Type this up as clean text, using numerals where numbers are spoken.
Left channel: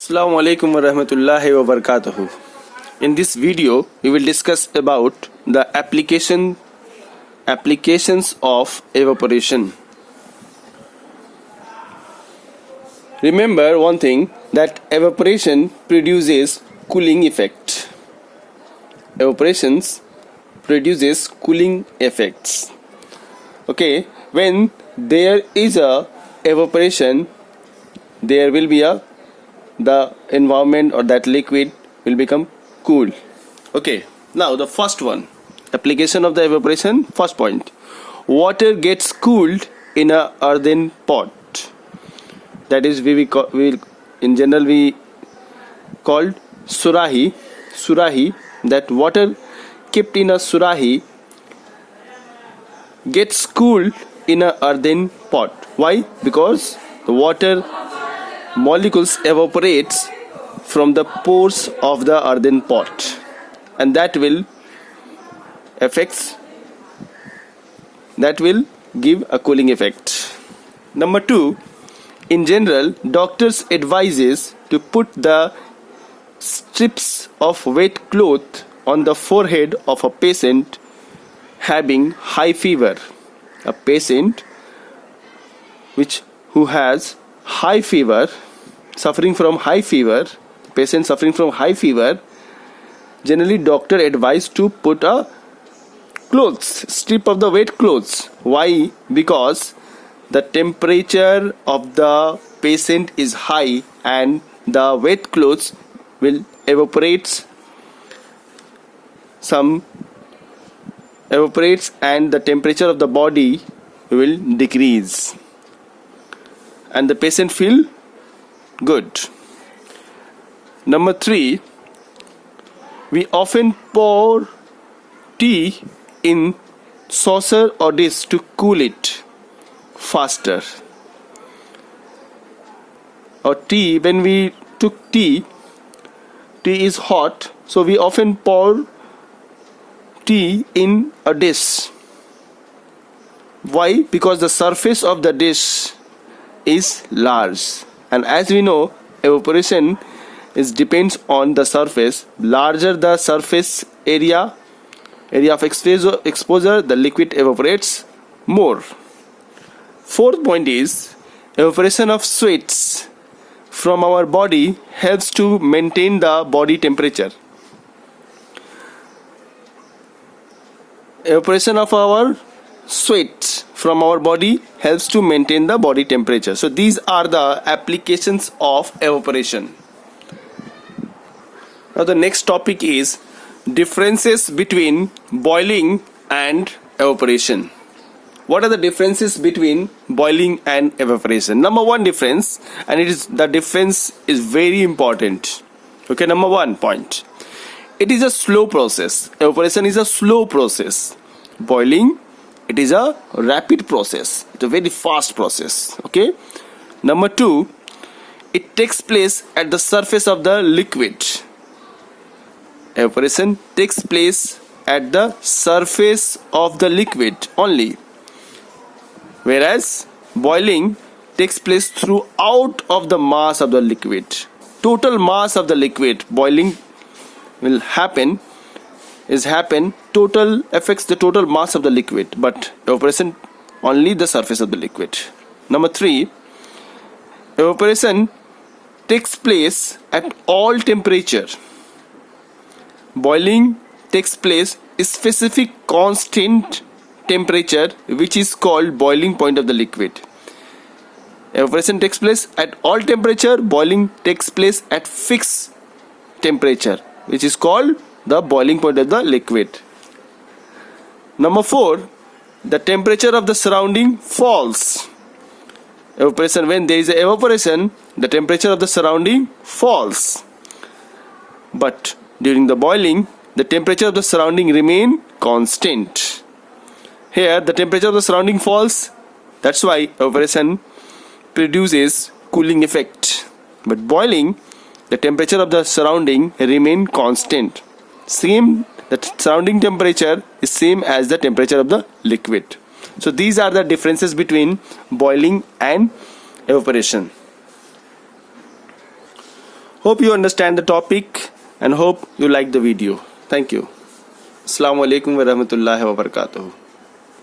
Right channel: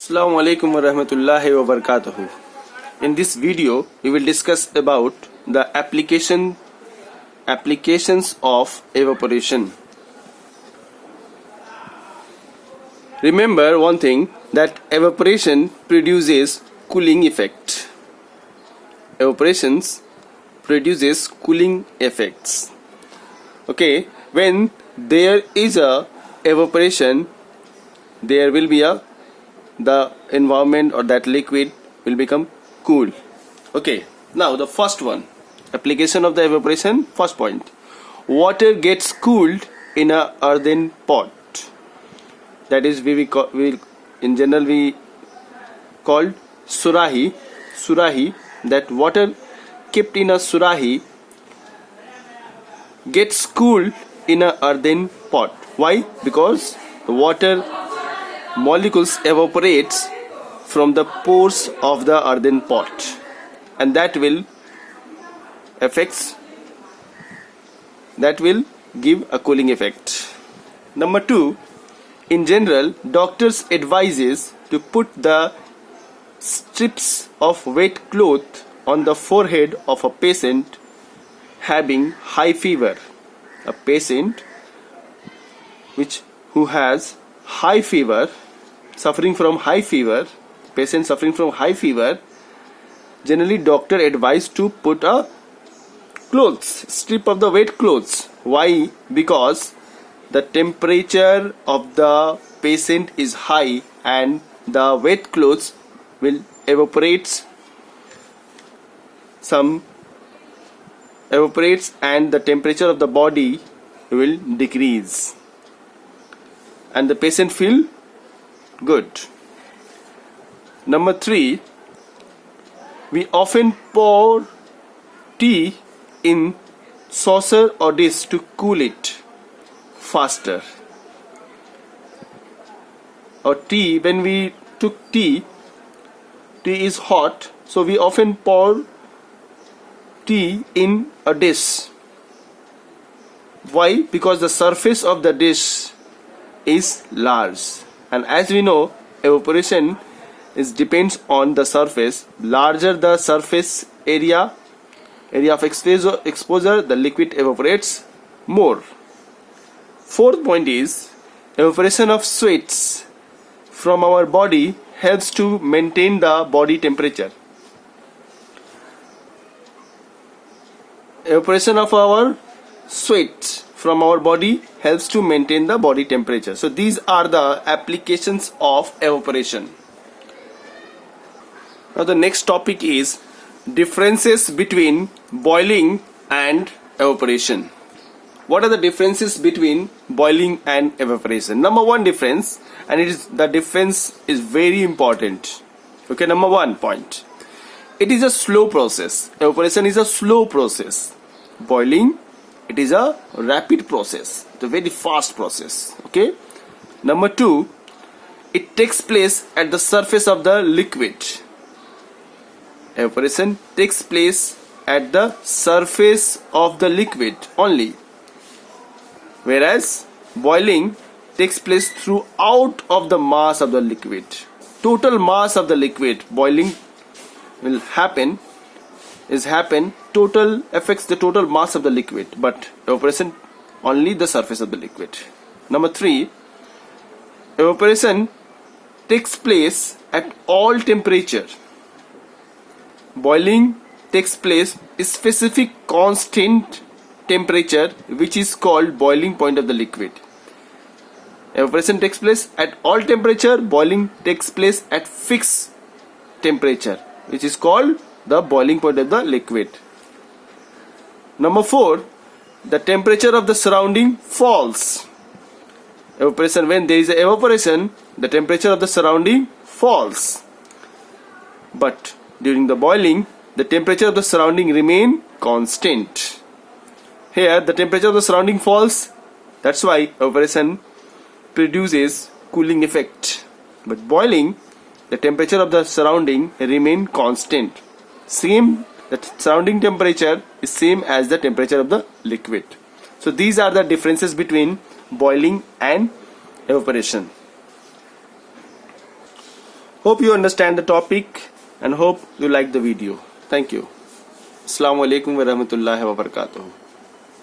Assalamu alaikum wa rahmatullahi wa barakatuhu. In this video, we will discuss about the applications of evaporation. Remember one thing, that evaporation produces cooling effect. Evaporations produces cooling effects. Okay, when there is a evaporation, there will be the environment or that liquid will become cool. Okay, now the first one, application of the evaporation. First point, water gets cooled in a earthen pot. That is in general we called surahi. That water kept in a surahi gets cooled in a earthen pot. Why? Because the water molecules evaporates from the pores of the earthen pot, and that will give a cooling effect. Number 2, in general, doctors advises to put the strips of wet cloth on the forehead of a patient having high fever. A patient who has high fever, suffering from high fever, generally doctor advised to put a strip of the wet clothes. Why? Because the temperature of the patient is high and the wet clothes will evaporates and the temperature of the body will decrease and the patient feel good. Number 3, we often pour tea in saucer or dish to cool it faster. Or tea, when we took tea is hot, so we often pour tea in a dish. Why? Because the surface of the dish is large, and as we know, evaporation depends on the surface. Larger the surface area of exposure, the liquid evaporates more. Fourth point is, evaporation of sweats from our body helps to maintain the body temperature. Evaporation of our sweat from our body helps to maintain the body temperature. So these are the applications of evaporation. Now the next topic is differences between boiling and evaporation. What are the differences between boiling and evaporation? Number 1 difference, and the difference is very important. Okay, number 1 point. It is a slow process. Evaporation is a slow process. Boiling, it is a rapid process. It's a very fast process. Okay. Number 2, it takes place at the surface of the liquid. Evaporation takes place at the surface of the liquid only, whereas boiling takes place throughout of the mass of the liquid. Total mass of the liquid, boiling will total affects the total mass of the liquid, but evaporation only the surface of the liquid. Number 3, evaporation takes place at all temperature. Boiling takes place specific constant temperature, which is called boiling point of the liquid. Evaporation takes place at all temperature. Boiling takes place at fixed temperature, which is called the boiling point of the liquid. Number 4, the temperature of the surrounding falls. Evaporation, when there is evaporation, the temperature of the surrounding falls. But during the boiling, the temperature of the surrounding remain constant. Here, the temperature of the surrounding falls. That's why evaporation produces cooling effect. But boiling, the temperature of the surrounding remain constant. The surrounding temperature is same as the temperature of the liquid. So these are the differences between boiling and evaporation. Hope you understand the topic and hope you like the video. Thank you. Assalamu alaikum wa rahmatullahi wa barakatuh.